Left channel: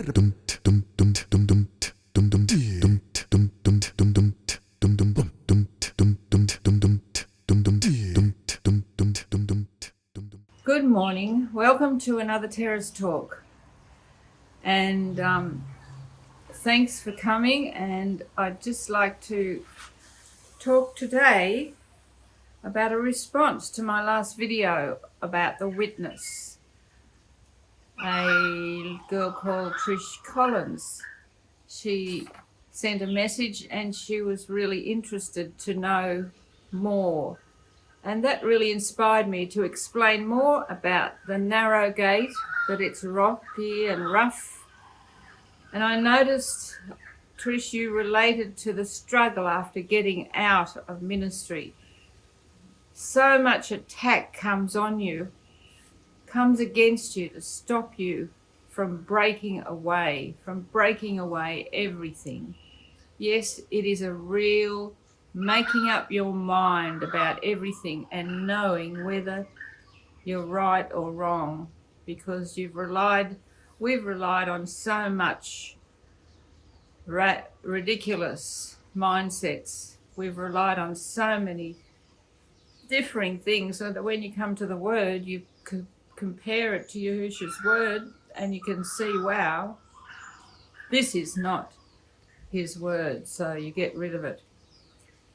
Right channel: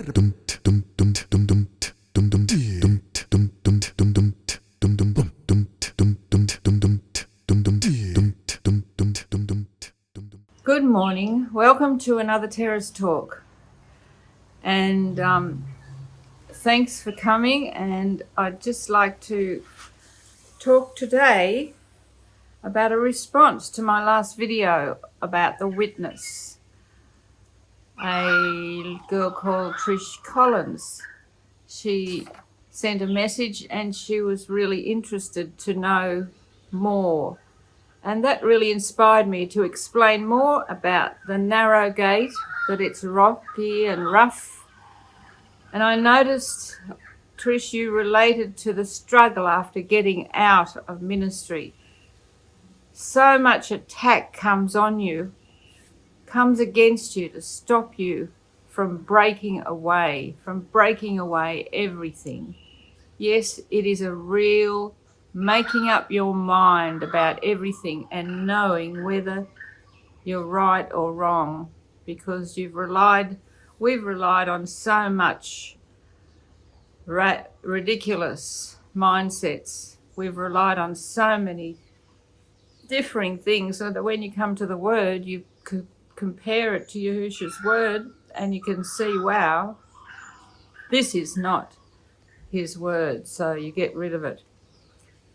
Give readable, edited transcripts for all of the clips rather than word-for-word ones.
Good morning. Welcome to another Terrace Talk. And thanks for coming. And I'd just like to talk today about a response to my last video about the witness. A girl called Trish Collins. She sent a message and she was really interested to know more. And that really inspired me to explain more about the narrow gate, that it's rocky and rough. And I noticed, Trish, you related to the struggle after getting out of ministry. So much attack comes on you, comes against you to stop you from breaking away everything. Yes, it is a real making up your mind about everything and knowing whether you're right or wrong, because we've relied on so much ridiculous mindsets. We've relied on so many differing things, so that when you come to the word, you could compare it to Yahusha's word and you can see, wow, this is not his word, so you get rid of it.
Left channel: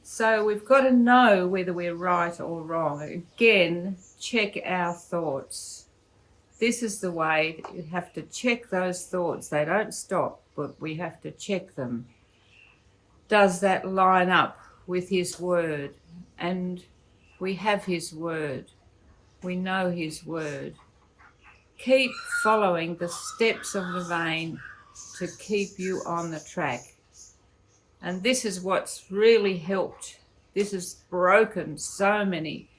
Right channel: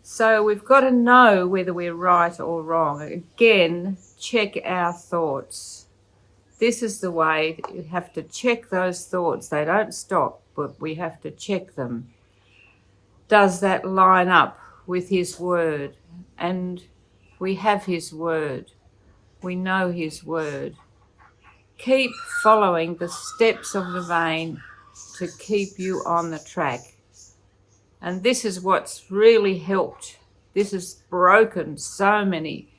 So we've got to know whether we're right or wrong. Again, check our thoughts. This is the way. We have to check those thoughts. They don't stop, but we have to check them. Does that line up with his word? And we have his word. We know his word. Keep following the steps of the vein to keep you on the track. And this is what's really helped. This has broken so many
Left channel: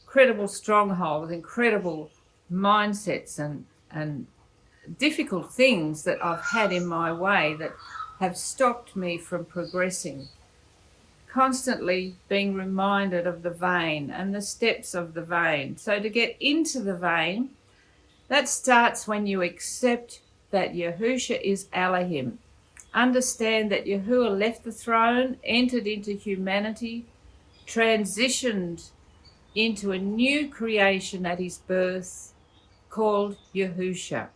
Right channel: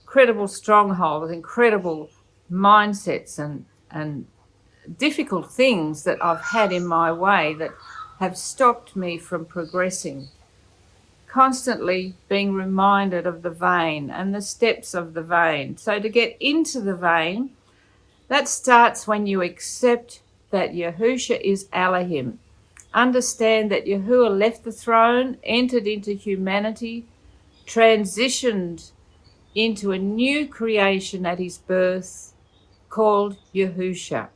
incredible strongholds, incredible mindsets and difficult things that I've had in my way that have stopped me from progressing. Constantly being reminded of the vein and the steps of the vein. So to get into the vein, that starts when you accept that Yahusha is Elohim. Understand that Yahuah left the throne, entered into humanity, transitioned into a new creation at his birth called Yahusha.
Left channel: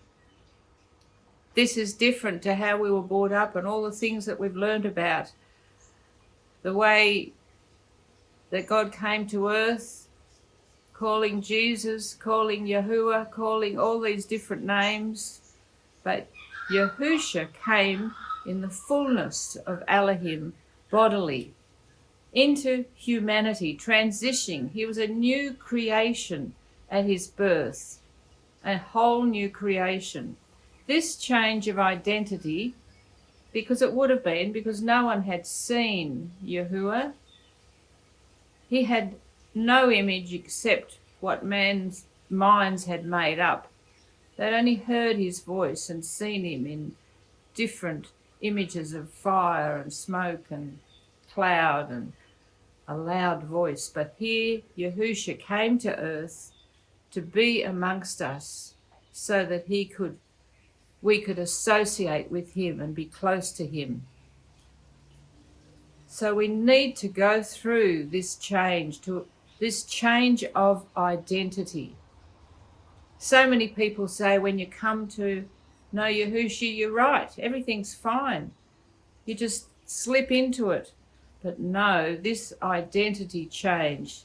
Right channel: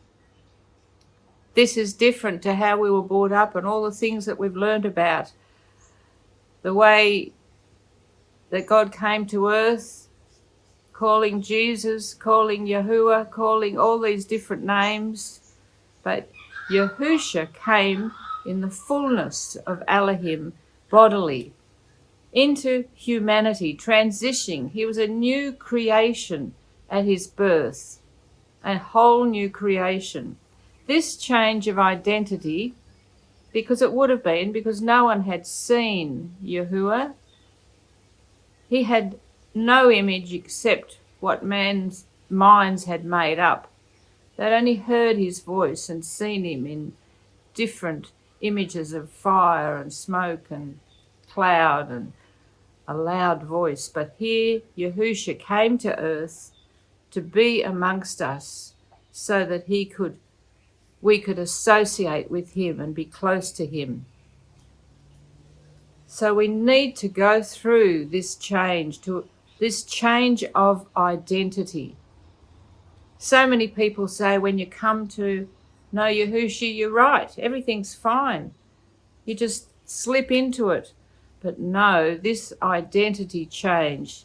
This is different to how we were brought up and all the things that we've learned about. The way that God came to earth, calling Jesus, calling Yahuah, calling all these different names. But Yahusha came in the fullness of Elohim bodily into humanity, transitioning. He was a new creation at his birth, a whole new creation. This change of identity, because it would have been, because no one had seen Yahuah. He had no image except what man's minds had made up. They'd only heard his voice and seen him in different images of fire and smoke and cloud and a loud voice. But here Yahusha came to earth to be amongst us so that we could associate with him and be close to him. So we need to go through this change of identity. So many people say when you come to know Yahusha, you're right, everything's fine. You just slip into it. But no, this identity change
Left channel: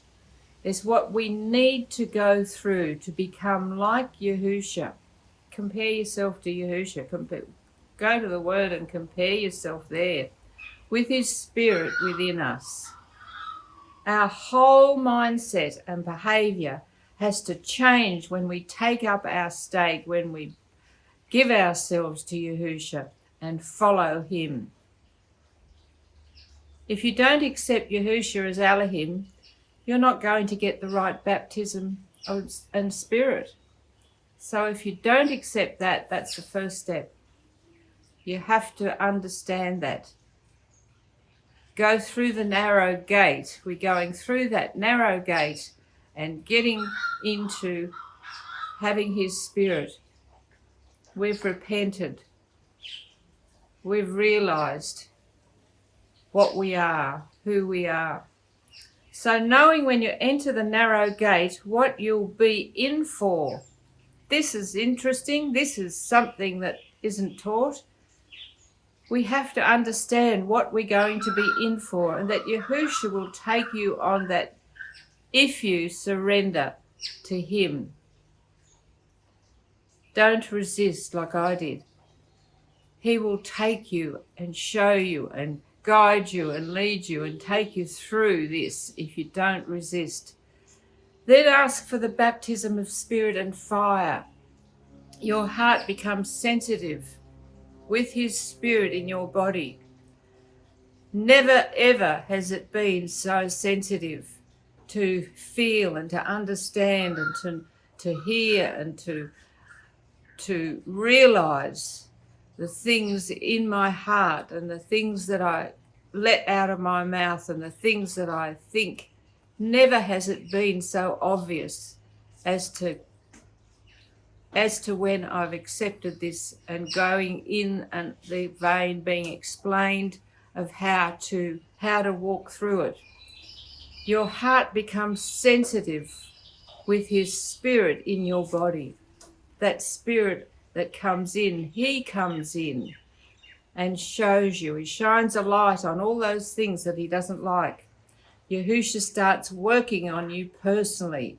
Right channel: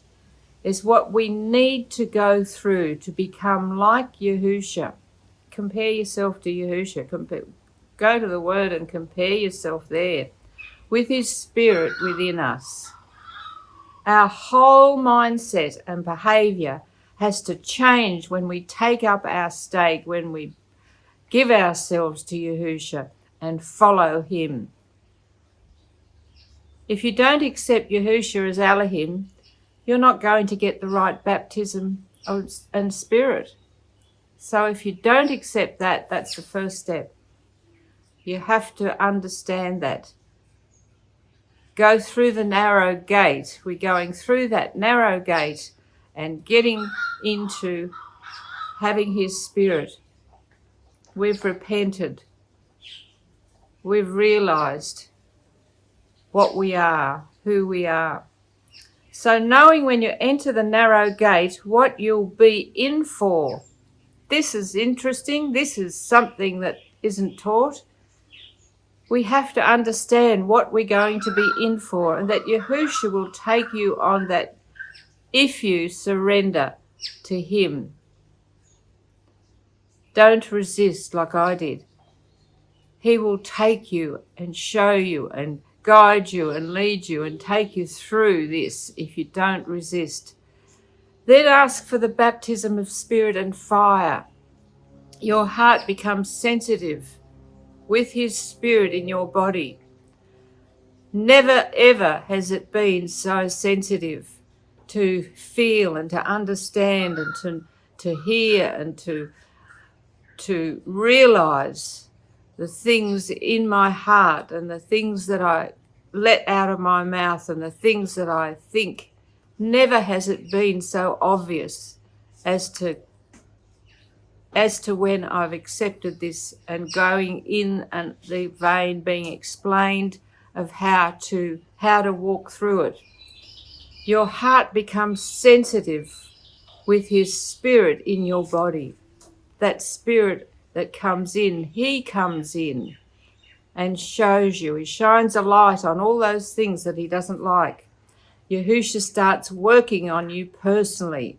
is what we need to go through to become like Yahusha. Compare yourself to Yahusha. Go to the Word and compare yourself there with his Spirit within us. Our whole mindset and behavior has to change when we take up our stake, when we give ourselves to Yahusha and follow him. If you don't accept Yahusha as Elohim, you're not going to get the right baptism and spirit. So if you don't accept that, that's the first step. You have to understand that. Go through the narrow gate. We're going through that narrow gate and getting into having his spirit. We've repented. We've realized what we are, who we are. So knowing when you enter the narrow gate what you'll be in for. This is interesting. This is something that isn't taught. We have to understand what we're going to be in for, and that Yahusha will take you on that if you surrender to him. Don't resist like I did. He will take you and show you and guide you and lead you and take you through this if you don't resist. Then ask for the baptism of spirit and fire. Your heart becomes sensitive with his spirit in your body. Never ever has it been so sensitive to feel and to understand and to hear and to realize the things in my heart and the things that I let out of my mouth and the things that I think. Never has it been so obvious as to when I've accepted this and going in and the vein being explained of how to walk through it. Your heart becomes sensitive with his spirit in your body. That spirit that comes in, he comes in and shows you. He shines a light on all those things that he doesn't like. Yahusha starts working on you personally,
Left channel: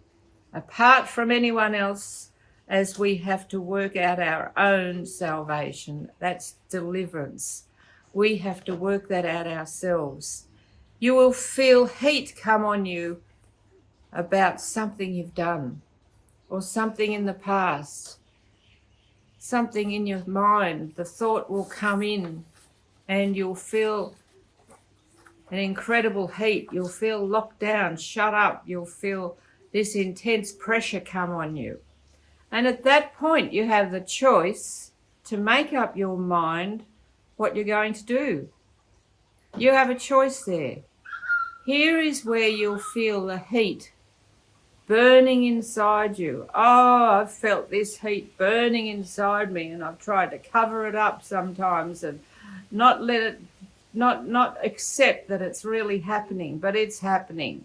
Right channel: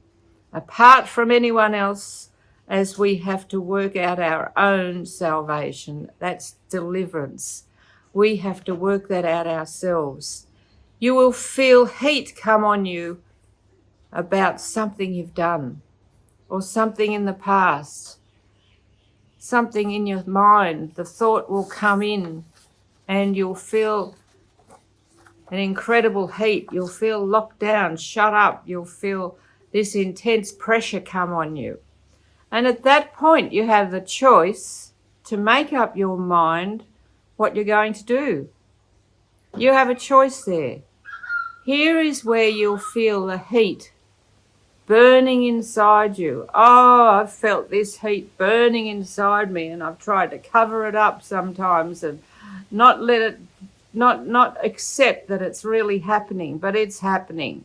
apart from anyone else, as we have to work out our own salvation. That's deliverance. We have to work that out ourselves. You will feel heat come on you about something you've done or something in the past, something in your mind. The thought will come in and you'll feel an incredible heat. You'll feel locked down, shut up. You'll feel this intense pressure come on you. And at that point, you have the choice to make up your mind what you're going to do. You have a choice there. Here is where you'll feel the heat burning inside you. Oh, I've felt this heat burning inside me, and I've tried to cover it up sometimes and not let it, not accept that it's really happening, but it's happening.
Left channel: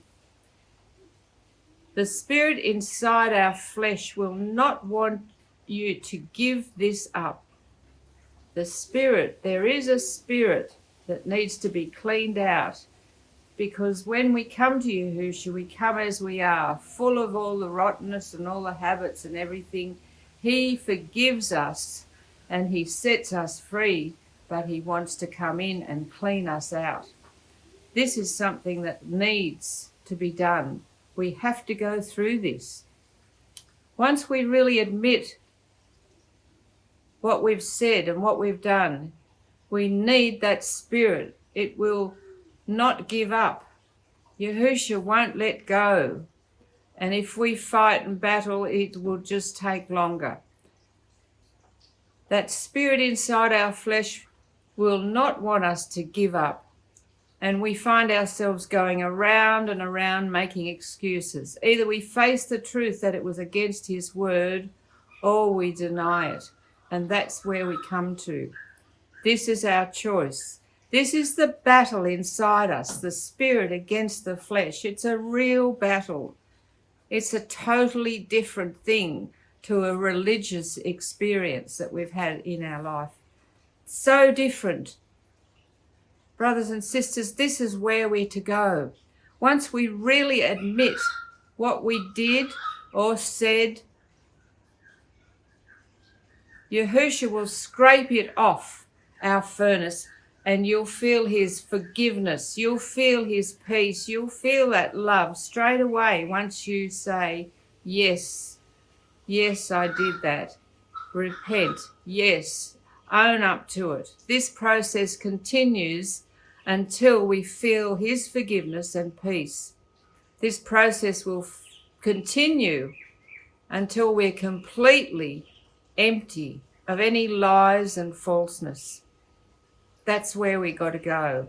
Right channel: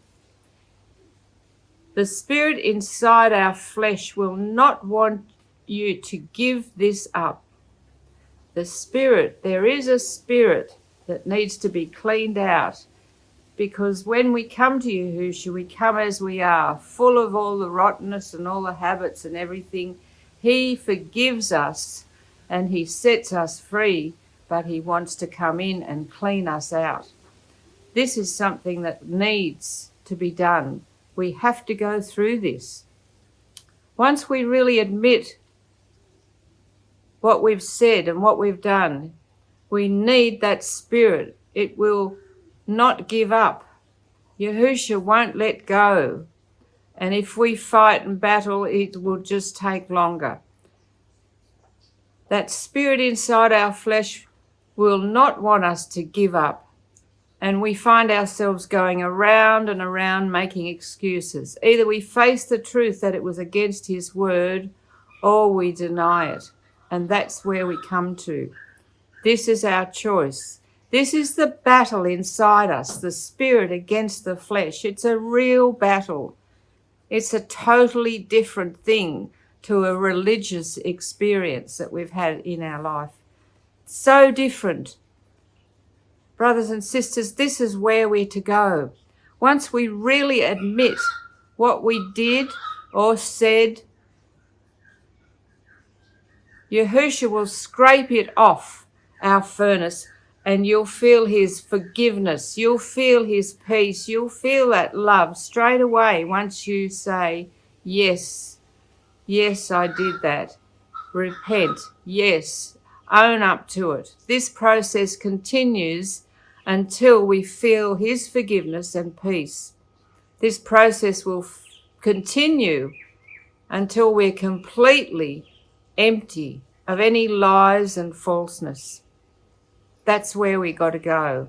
The spirit inside our flesh will not want you to give this up. The spirit, there is a spirit that needs to be cleaned out, because when we come to Yahusha, we come as we are, full of all the rottenness and all the habits and everything. He forgives us and he sets us free, but he wants to come in and clean us out. This is something that needs to be done. We have to go through this. Once we really admit what we've said and what we've done, we need that spirit. It will not give up. Yahusha won't let go. And if we fight and battle, it will just take longer. That spirit inside our flesh will not want us to give up. And we find ourselves going around and around making excuses. Either we face the truth that it was against his word, or we deny it. And that's where we come to. This is our choice. This is the battle inside us, the spirit against the flesh. It's a real battle. It's a totally different thing to a religious experience that we've had in our life. So different. Brothers and sisters, this is where we're to go. Once we really admit what we did or said, Yahusha will scrape it off our furnace, and you'll feel his forgiveness. You'll feel his peace. You'll feel that love straight away once you say, yes, yes, I did that. Repent, yes, own up to it. This process continues until we feel his forgiveness and peace. This process will continue until we're completely empty of any lies and falseness. That's where we got to go.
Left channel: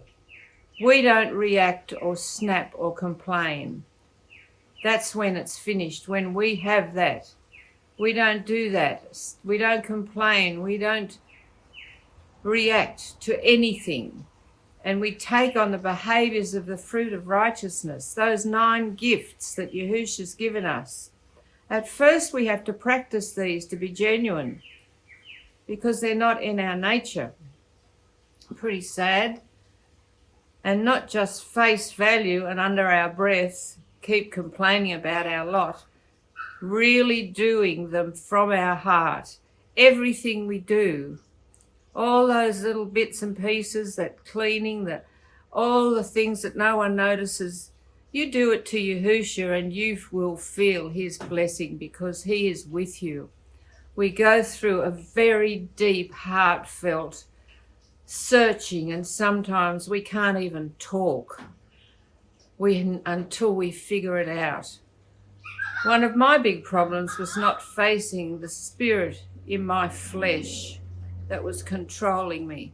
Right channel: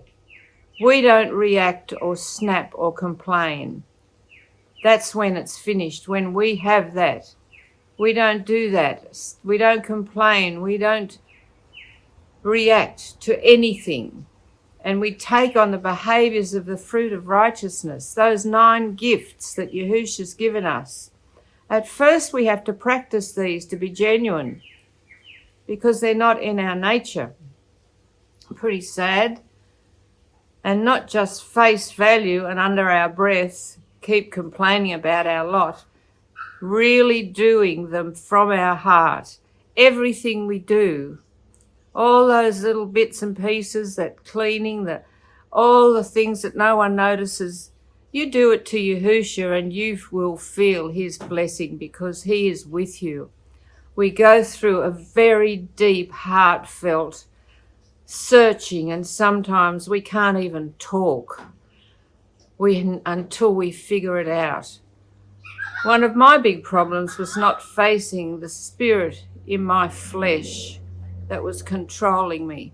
We don't react or snap or complain. That's when it's finished. When we have that, We don't do that. We don't complain. We don't react to anything. And we take on the behaviours of the fruit of righteousness, those 9 gifts that Yahusha's given us. At first we have to practice these to be genuine because they're not in our nature. Pretty sad. And not just face value and under our breath keep complaining about our lot. Really doing them from our heart. Everything we do, all those little bits and pieces, that cleaning, all the things that no one notices, you do it to Yahusha and you will feel his blessing because he is with you. We go through a very deep, heartfelt searching, and sometimes we can't even talk until we figure it out. One of my big problems was not facing the spirit in my flesh that was controlling me,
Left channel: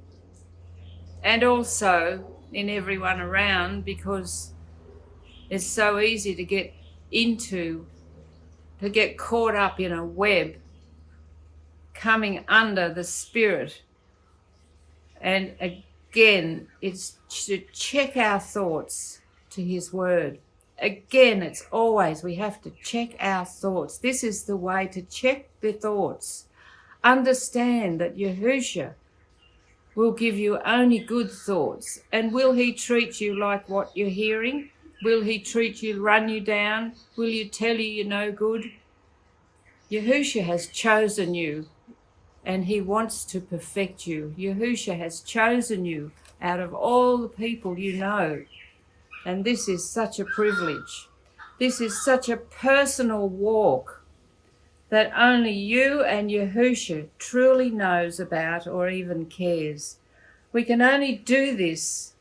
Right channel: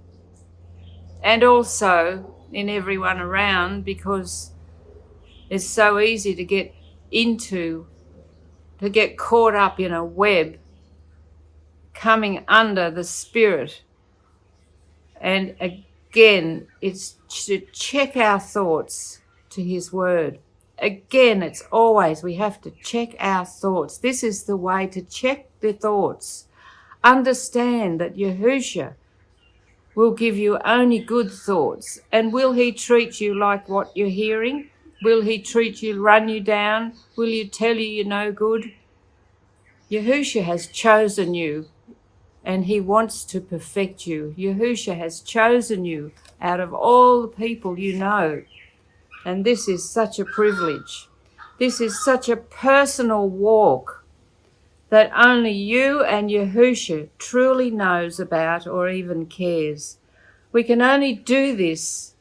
and also in everyone around, because it's so easy to get caught up in a web coming under the spirit. And again, it's to check our thoughts to his word. Again, it's always we have to check our thoughts. This is the way to check the thoughts. Understand that Yahusha will give you only good thoughts. And will he treat you like what you're hearing? Will he treat you, run you down? Will he tell you you're no good? Yahusha has chosen you and he wants to perfect you. Yahusha has chosen you out of all the people you know. And this is such a privilege. This is such a personal walk that only you and Yahusha truly knows about or even cares. We can only do this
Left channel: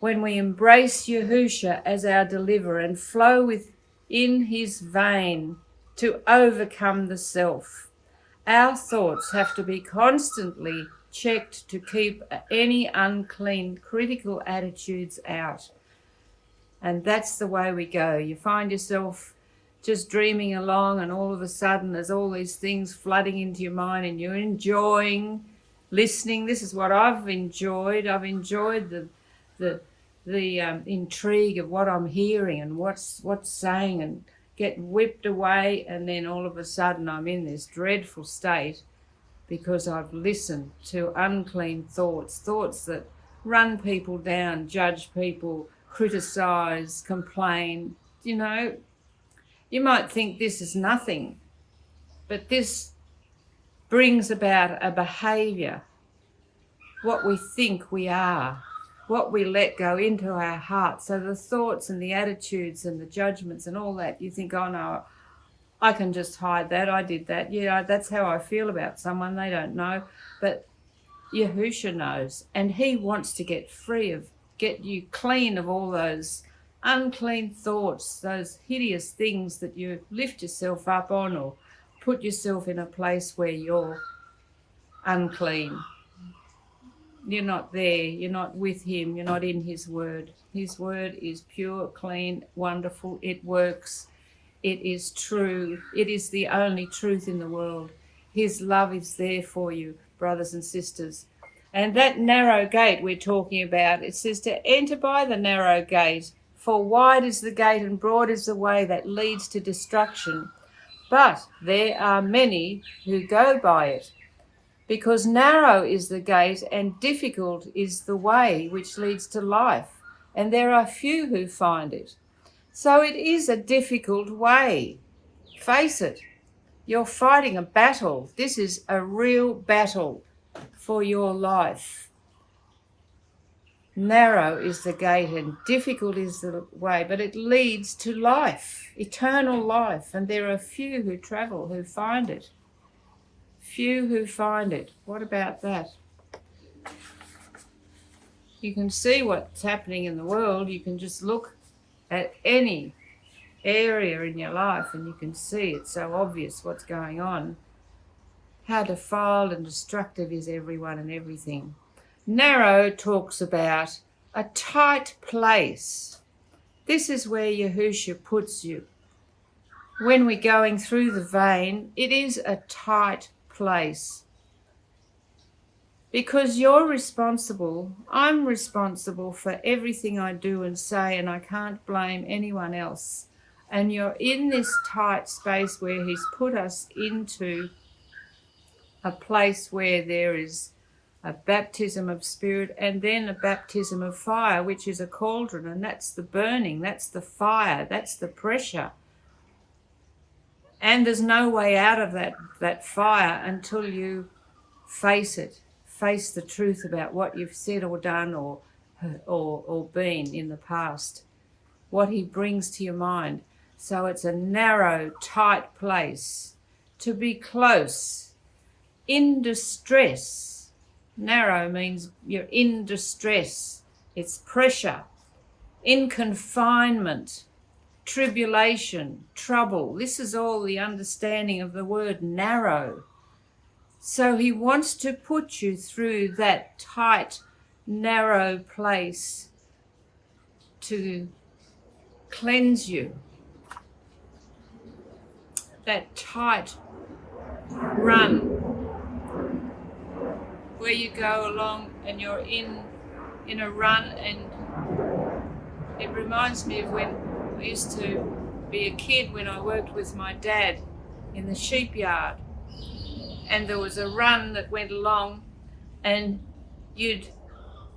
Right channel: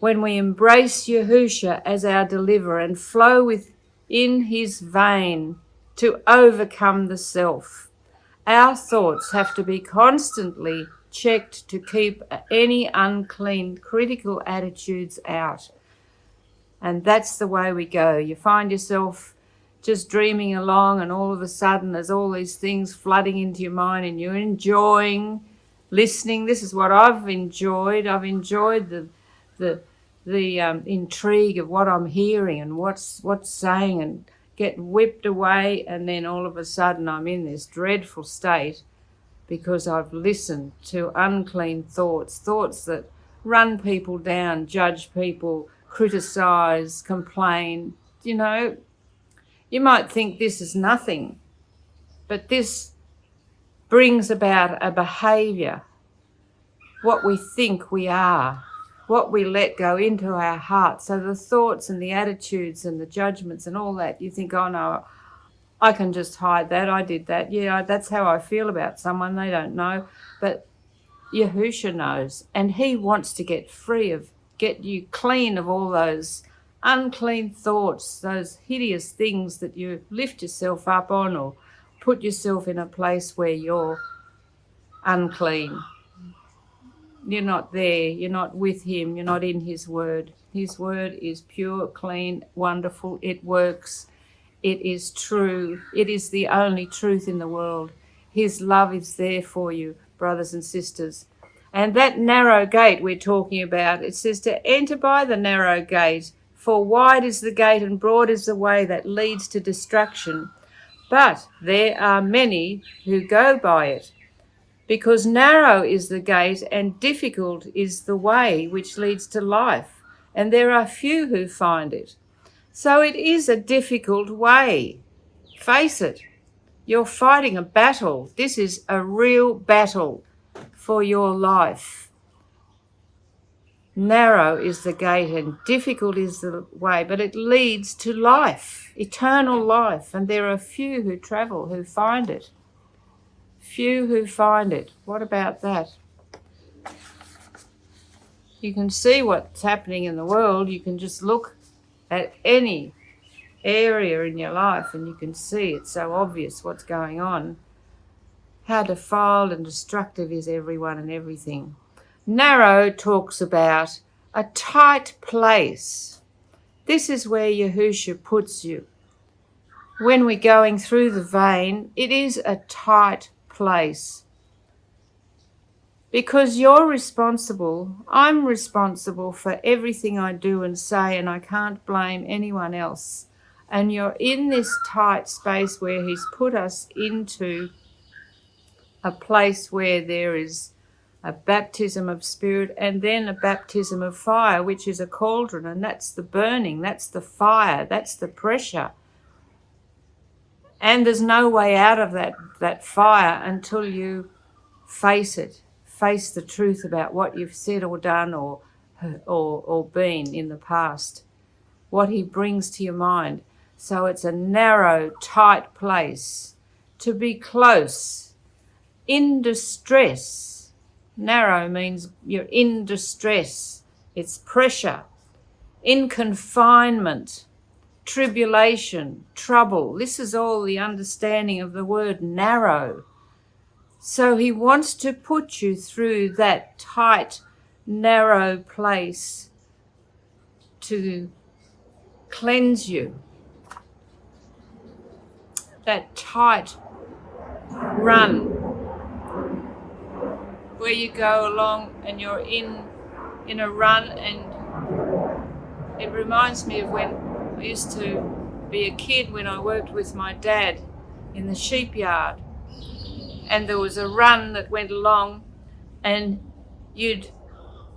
when we embrace Yahusha as our deliverer and flow within his vein to overcome the self. Our thoughts have to be constantly checked to keep any unclean, critical attitudes out. And that's the way we go. You find yourself just dreaming along and all of a sudden there's all these things flooding into your mind and you're enjoying listening. This is what I've enjoyed. I've enjoyed the intrigue of what I'm hearing and what's saying, and get whipped away, and then all of a sudden I'm in this dreadful state because I've listened to unclean thoughts that run people down, judge people, criticize, complain. You know, you might think this is nothing, but this brings about a behavior, what we think we are, what we let go into our heart. So the thoughts and the attitudes and the judgments and all that, you think, oh no, I can just hide that, I did that. Yeah, that's how I feel about someone, they don't know. But Yahusha knows, and he wants to get you clean of all those unclean thoughts, those hideous things that you lift yourself up on or put yourself in a place where you're unclean. You're not there, you're not with him, you're not in his word. His word is pure, clean, wonderful, it works, it is true, it is the only truth in the world. His love is there for you, brothers and sisters. And that narrow gate we're talking about, it says to enter by the narrow gate, for wide is the gate and broad is the way that leads to destruction. But there are many who go by it, because narrow is the gate and difficult is the way which leads to life, and there are few who find it. So it is a difficult way. Face it, you're fighting a battle. This is a real battle for your life. Narrow is the gate and difficult is the way, but it leads to life, eternal life, and there are few who travel, who find it. Few who find it. What about that? You can see what's happening in the world. You can just look at any area in your life and you can see it's so obvious what's going on. How defiled and destructive is everyone and everything. Narrow talks about a tight place. This is where Yahusha puts you. when we're going through the vein, it is a tight place. Because you're responsible, I'm responsible for everything I do and say, and I can't blame anyone else. And you're in this tight space where He's put us into a place where there is a baptism of spirit and then a baptism of fire, which is a cauldron, and that's the burning, that's the fire, that's the pressure. And there's no way out of that fire until you face it. Face the truth about what you've said or done or been in the past, what He brings to your mind. So it's a narrow, tight place to be close, in distress. Narrow means you're in distress. It's pressure, in confinement, tribulation, trouble. This is all the understanding of the word narrow. So He wants to put you through that tight, narrow place to cleanse you. That tight run where you go along and you're in a run, and it reminds me of when I used to be a kid when I worked with my dad in the sheep yard. And there was a run that went along, and you'd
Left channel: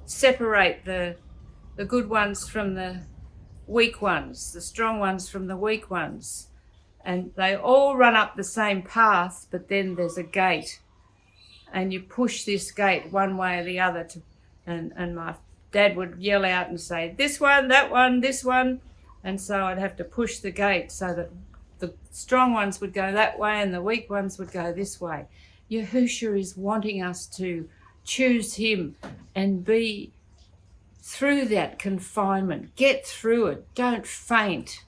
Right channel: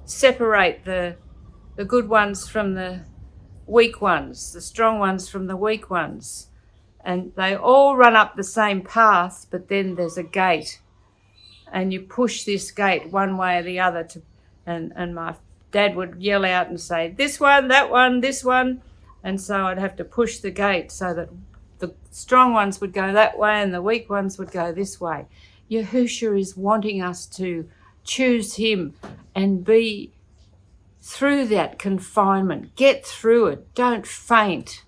separate the good ones from the weak ones, the strong ones from the weak ones. And they all run up the same path, but then there's a gate. And you push this gate one way or the other. And my dad would yell out and say, this one, that one, this one. And so I'd have to push the gate so that the strong ones would go that way and the weak ones would go this way. Yahusha is wanting us to choose Him and be through that confinement. Get through it. Don't faint.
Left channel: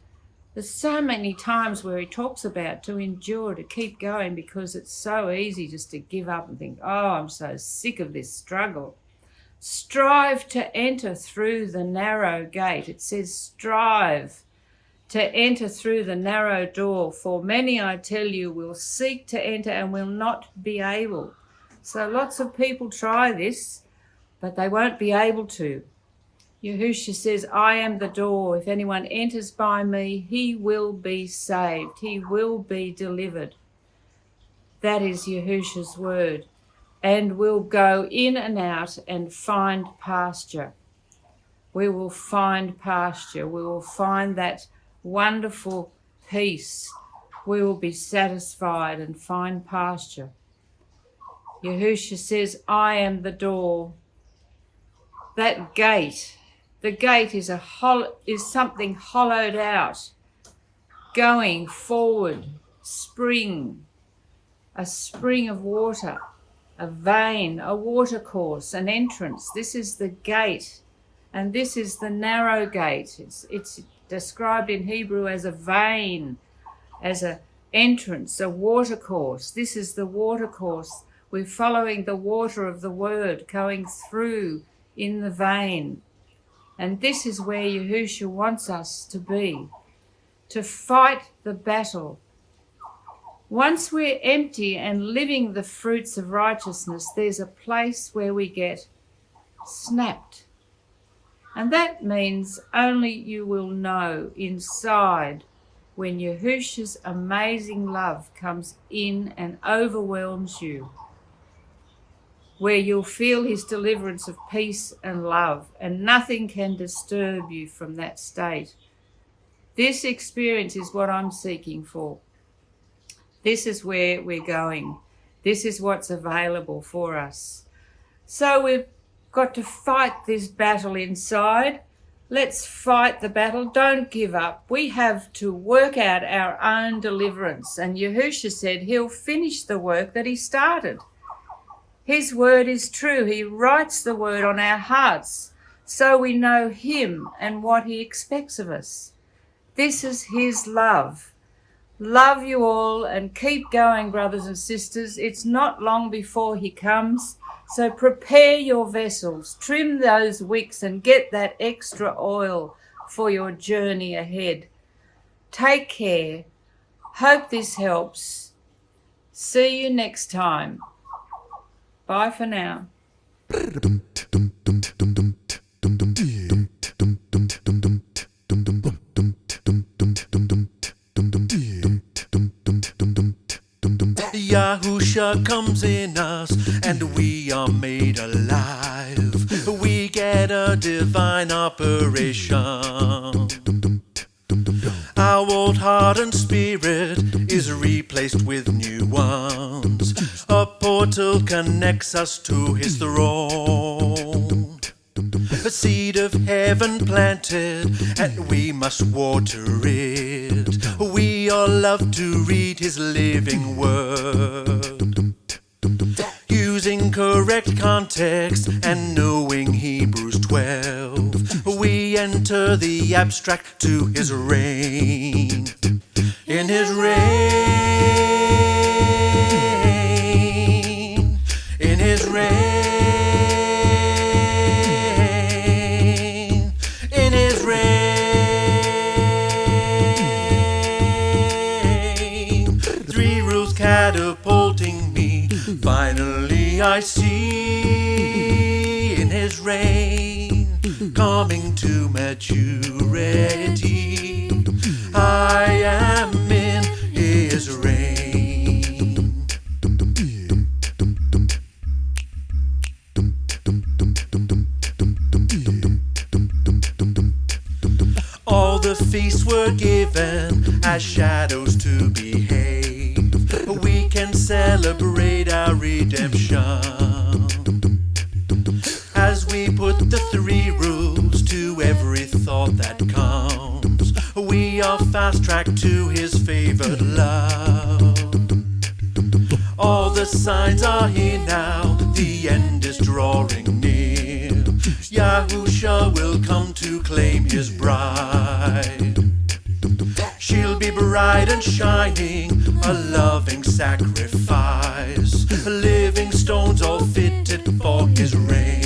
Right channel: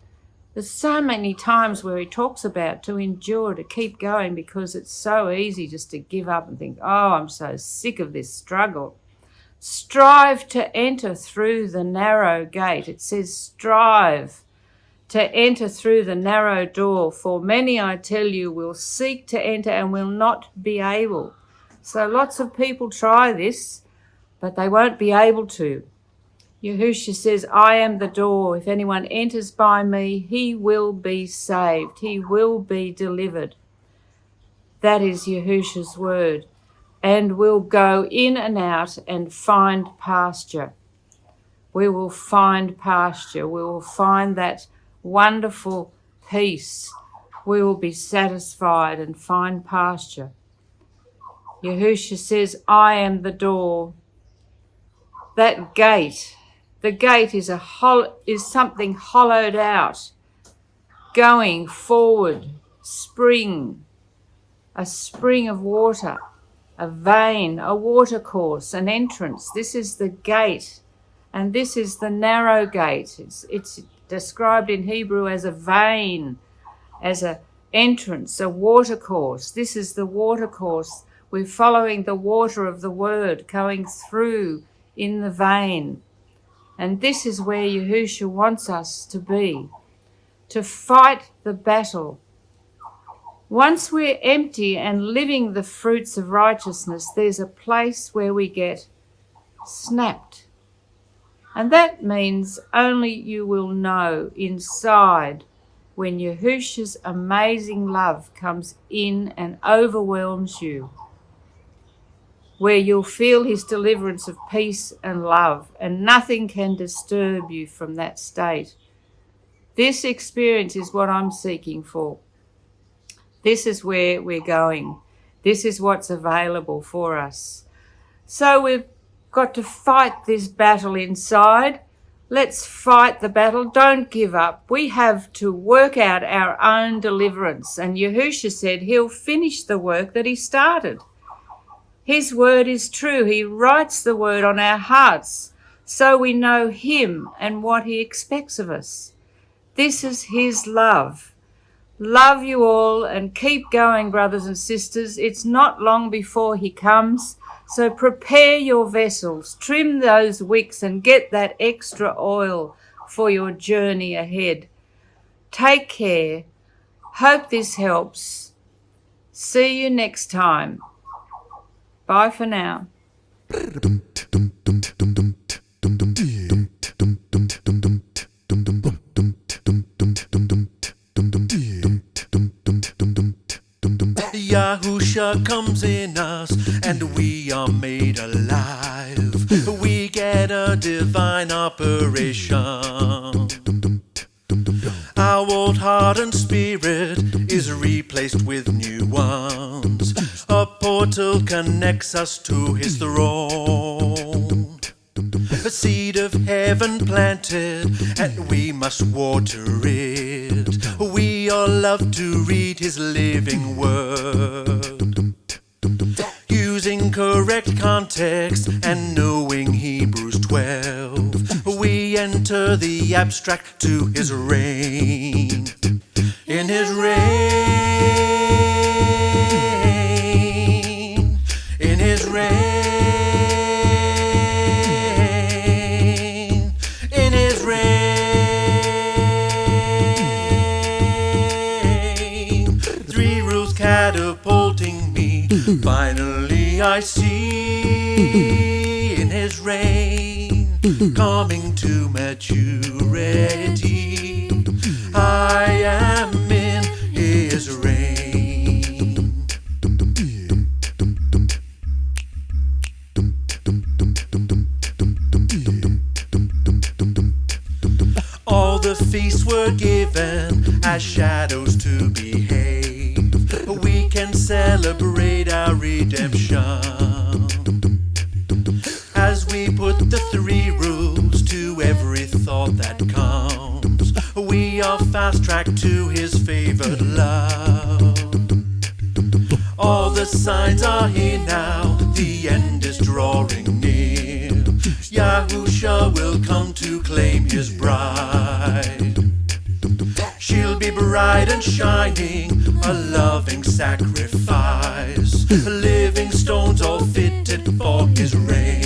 There's so many times where He talks about to endure, to keep going, because it's so easy just to give up and think, oh, I'm so sick of this struggle. Strive to enter through the narrow gate. It says strive to enter through the narrow door, for many, I tell you, will seek to enter and will not be able. So lots of people try this, but they won't be able to. Yahusha says, I am the door. If anyone enters by me, he will be saved. He will be delivered. That is Yahusha's word. And will go in and out and find pasture. We will find pasture. We will find that wonderful peace. We will be satisfied and find pasture. Yahusha says, I am the door. That gate, the gate is something hollowed out, going forward, spring, a spring of water, a vein, a watercourse, an entrance. This is the gate, and this is the narrow gate. It's described in Hebrew as a vein, as an entrance, a watercourse. This is the watercourse. We're following the water of the word going through in the vein. And this is where Yahusha wants us to be, to fight the battle. Once we're empty and living the fruits of righteousness, there's a place where we get snapped. And that means only you will know inside when Yahusha's amazing love comes in and overwhelms you, where you'll feel His deliverance of peace and love, and nothing can disturb you from that state. This experience is what I'm seeking for. This is where we're going. This is what's available for us. So we've got to fight this battle inside. Let's fight the battle. Don't give up. We have to work out our own deliverance. And Yahusha said He'll finish the work that He started. His word is true. He writes the word on our hearts so we know Him and what He expects of us. This is His love. Love you all and keep going, brothers and sisters. It's not long before He comes. So prepare your vessels, trim those wicks and get that extra oil for your journey ahead. Take care. Hope this helps. See you next time. Bye for now. Yahusha comes in us, and we are made alive. We get a divine operation. Our old heart and spirit is replaced with new ones. A portal connects us to his throne. A seed of heaven planted, and we must water it. We all love to read his living word. Using correct context and knowing Hebrews 12, we enter the abstract to his reign. In his reign, in his reign, in his reign. 3 rules catapulting me. Finally I see in his reign, coming to maturity. I am in his reign. All the feasts were given as shadows to behave. We can celebrate our redemption as we put the 3 rules to every thought that comes. We are fast-tracked to his favored love. All the signs are here now, the end is drawing near. Yahusha will come to claim his bride. She'll be bright and shining, a loving sacrifice, living stones all fitted for his reign.